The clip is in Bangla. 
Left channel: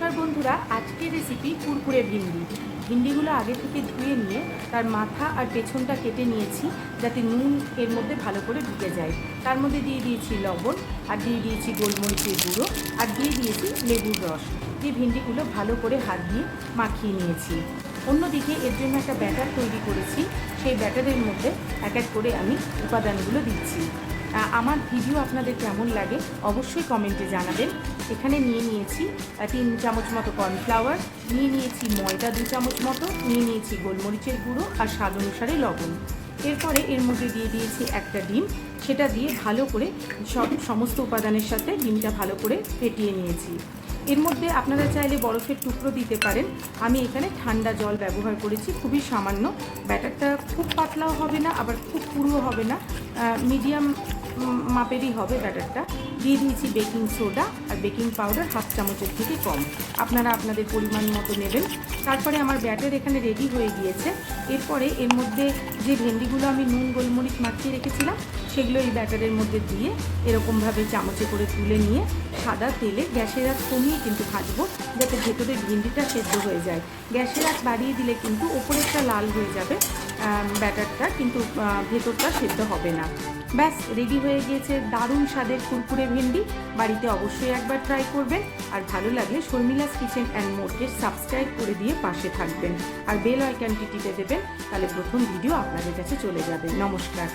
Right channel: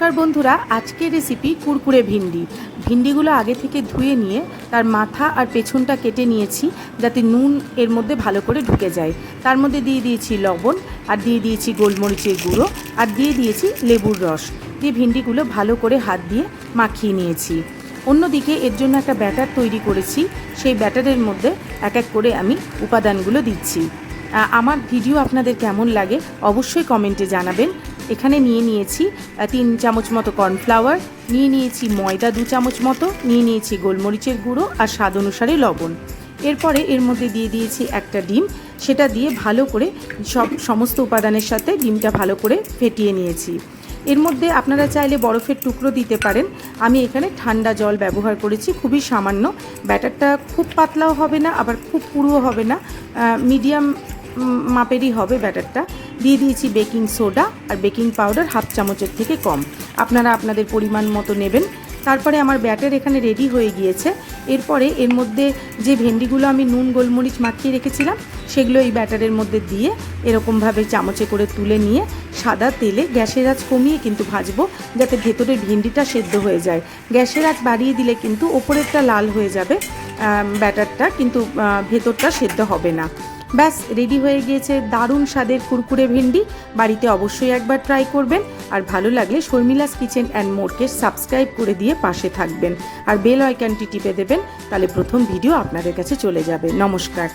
নমস্কার বন্ধুরা, আজকের রেসিপি কুরকুরে ভিন্ডি। ভিন্ডিগুলো আগে থেকে ধুয়ে নিয়ে তার মাথা আর পেছনটা কেটে নিয়েছি যাতে নুন এর মধ্যে ভালো করে ঢুকে যায়। তার মধ্যে দিয়ে দিয়েছি লবণ, আর দিয়ে দিয়েছি গোলমরিচের গুঁড়ো, আর দিয়ে দিয়েছি লেবুর রস দিয়ে ভিন্ডিগুলো ভালো করে হাত দিয়ে মাখিয়ে নিয়েছি। অন্যদিকে এর জন্য একটা ব্যাটার তৈরি করেছি, সেই ব্যাটারের মধ্যে এক এক করে আমি উপাদানগুলো দিচ্ছি। আমার ভিডিও আপনাদের কেমন লাগে অবশ্যই কমেন্টে জানাবেন। এখানে নিয়ে নিয়েছি 3 চামচ মতো কর্নফ্লাওয়ার, নিয়ে নিয়েছি ময়দা 2 চামচ মতো, নিয়ে নিয়েছি গোলমরিচের গুঁড়ো আর স্বাদ অনুসারে লবণ। এরপরে এর মধ্যে দিয়ে দিয়েছি একটা ডিম, সেটা দিয়ে ভালো করে সমস্ত উপাদানের সাথে ডিমটা ভালো করে ফেটিয়ে নিয়েছি। এর মধ্যে আপনারা চাইলে বরফের টুকরো দিতে পারেন, আমি এখানে ঠান্ডা জল ব্যবহার করেছি, খুবই সামান্য। ব্যাটারটা খুব পাতলাও হবে না আবার খুব পুরুও হবে না, মিডিয়াম মাপেরই হবে ব্যাটারটা। দিয়ে দিয়েছি বেকিং সোডা আর বেকিং পাউডার 1/2 চামচের থেকে কম, আপনারা আপনাদের পরিমাণ মতো নেবেন। তারপরে আমার ব্যাটার এখানে রেডি হয়ে গিয়েছে। এরপরে এর মধ্যে যে ভেন্ডিগুলো আমি নুন গোলমরিচ মাখিয়ে রেখেছিলাম সেগুলো এই ব্যাটারের মধ্যে দিয়ে এরকমভাবে চামচে করে তুলে নিয়ে সাদা তেলে গ্যাসের আঁচ কমিয়ে কিন্তু ভাজবো, যাতে ভেতরের ভিন্ডিটা সেদ্ধ হয়ে যায়। গ্যাসের আঁচ বাড়িয়ে দিলে কিন্তু ওপরেরটা লাল হয়ে যাবে ব্যাটারটা, কিন্তু ভেতরটা সেদ্ধ হবে না। ব্যাস রেডি হয়ে গিয়েছে দারুণ স্বাদের কুরকুরে ভিন্ডি। বাড়িতে অবশ্যই একবার ট্রাই করবেন, আর ভালো লাগলে শর্মিলাস কিচেন অ্যান্ড মোরকে সাবস্ক্রাইব করে দিয়ে পাশে থাকবেন, আর বেল আইকনটি টিপে দেবেন, তাহলে প্রথম ভিডিও আপনাদের কাছে চলে যাবে। নমস্কার।